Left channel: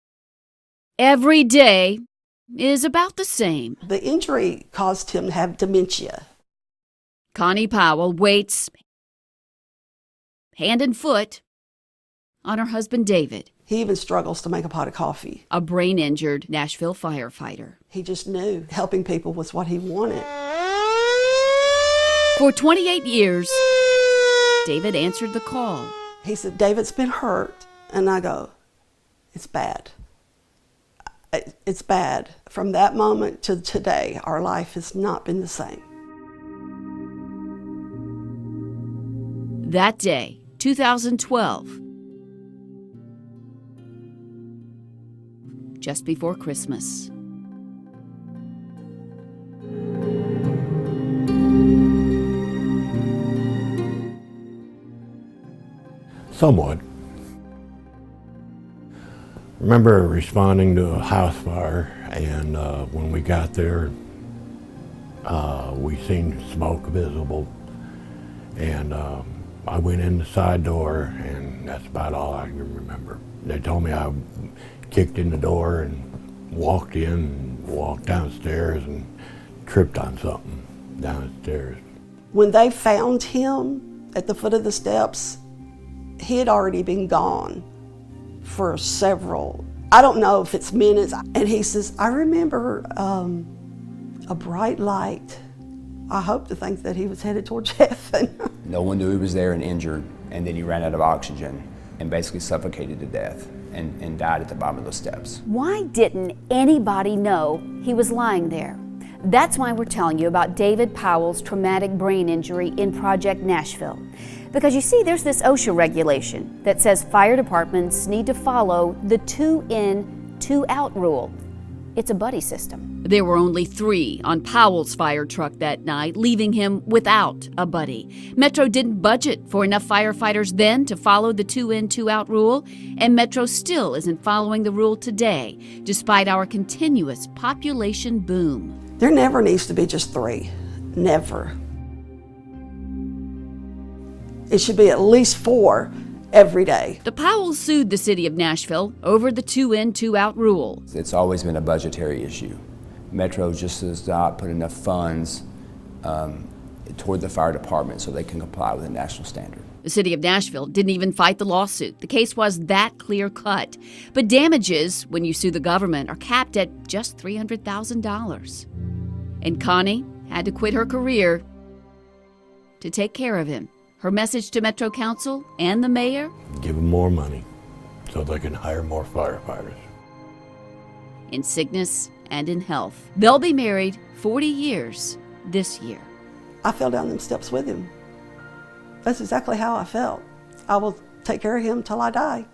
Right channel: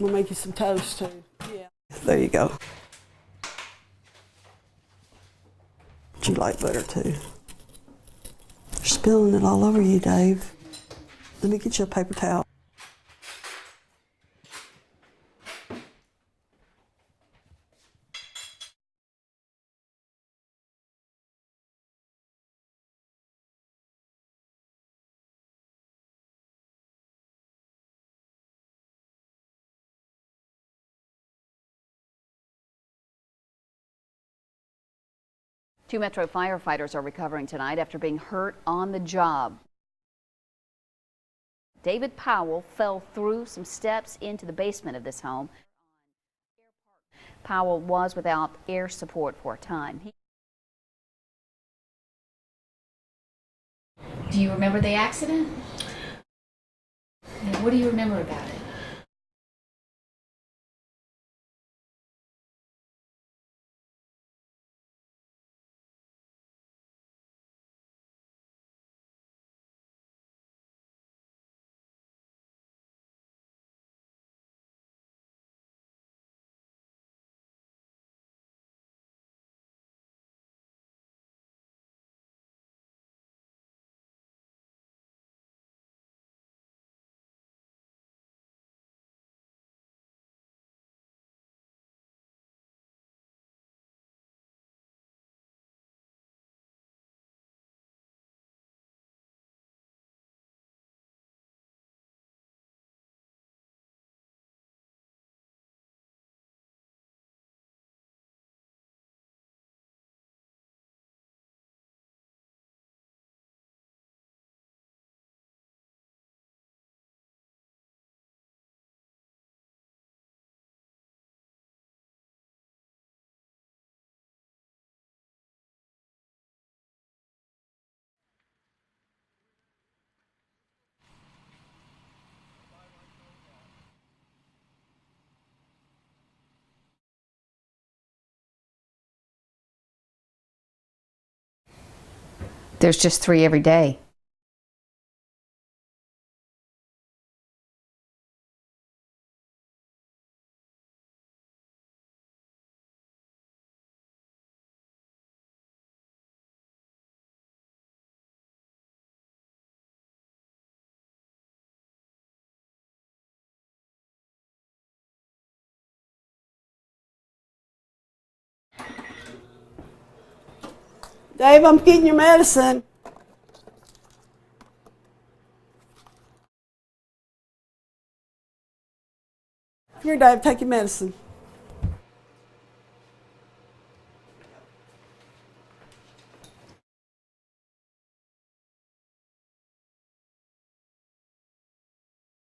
We'll make you some toast. Every day There you go. is about the same. The injury caused him to have dementia. You like butter too. Connie Powell waits, You're spilling it all over you, Dave. hand and foot, Let me get you a paper towel. on her husband David, He even struggles to make a pot of coffee. a brain-injured Nashville firefighter. He just knew helping people was what he wanted. For 28 years, David answered the call. He said, David's been hurt. And I go, it's bad. It's bad. From that moment to today, our life has not been the same. 2 Metro firefighters are recovering tonight after being hurt on the job. That day, 2012, David Powell fell through some steps into the basement of this home. just before Christmas. Powell was without air support for a time. Do you remember the accident? Somewhat. What do you remember about it? Remember responding to a house fire, and when we got there, we seen smoke visible, and I went in the side door, and that's about all I can remember. They told me I kicked in the door and walked in, and walked downstairs, and tripped on something downstairs. When they found him at the foot of the steps, he had already been gone for several, I don't know if it's minutes. And he says, I remember a bright light. I hope to think that he was headed towards heaven. No one knew he was there and injured, and then he ran out of oxygen and basically suffocated to death and died at the bottom of those steps. Why didn't anybody know he was lying there? That's why we're telling you about David Powell's traumatic brain injury in Project Nashville. Because you see, there's this OSHA regulation that says fire departments need to follow the 2 in, 2 out rule. It's a buddy system. There were only 3 on Powell's fire truck that night, leaving him without a buddy. Metro didn't budget for enough firefighters then to follow the 2 in, 2 out rule, and Metro still isn't following the rule today, despite our continuous population boom. There never needs to be just 3, never. There's just 3 every day. It should be at least 4 every day. The Powells sued the city of Nashville over the 2 in, 2 out rule. It's always been a budgetary issue. Metro just does not put enough funds toward the fire department so they can comply with the national standard. The city of Nashville didn't even fight the lawsuit. The case was that clear-cut. But damages, when you sue the government, are capped at just $300,000. And Connie had to quit her career Dave, I'm getting your medicine. to take care of him. Her message to Metro Council and the mayor? Give them more money so they can hire more firefighters. Here, Dave, take your medicine. In sickness and in health. They'll be married 40 years this year. I fell down them steps with him. That's exactly how I felt. I will take care of him till I die.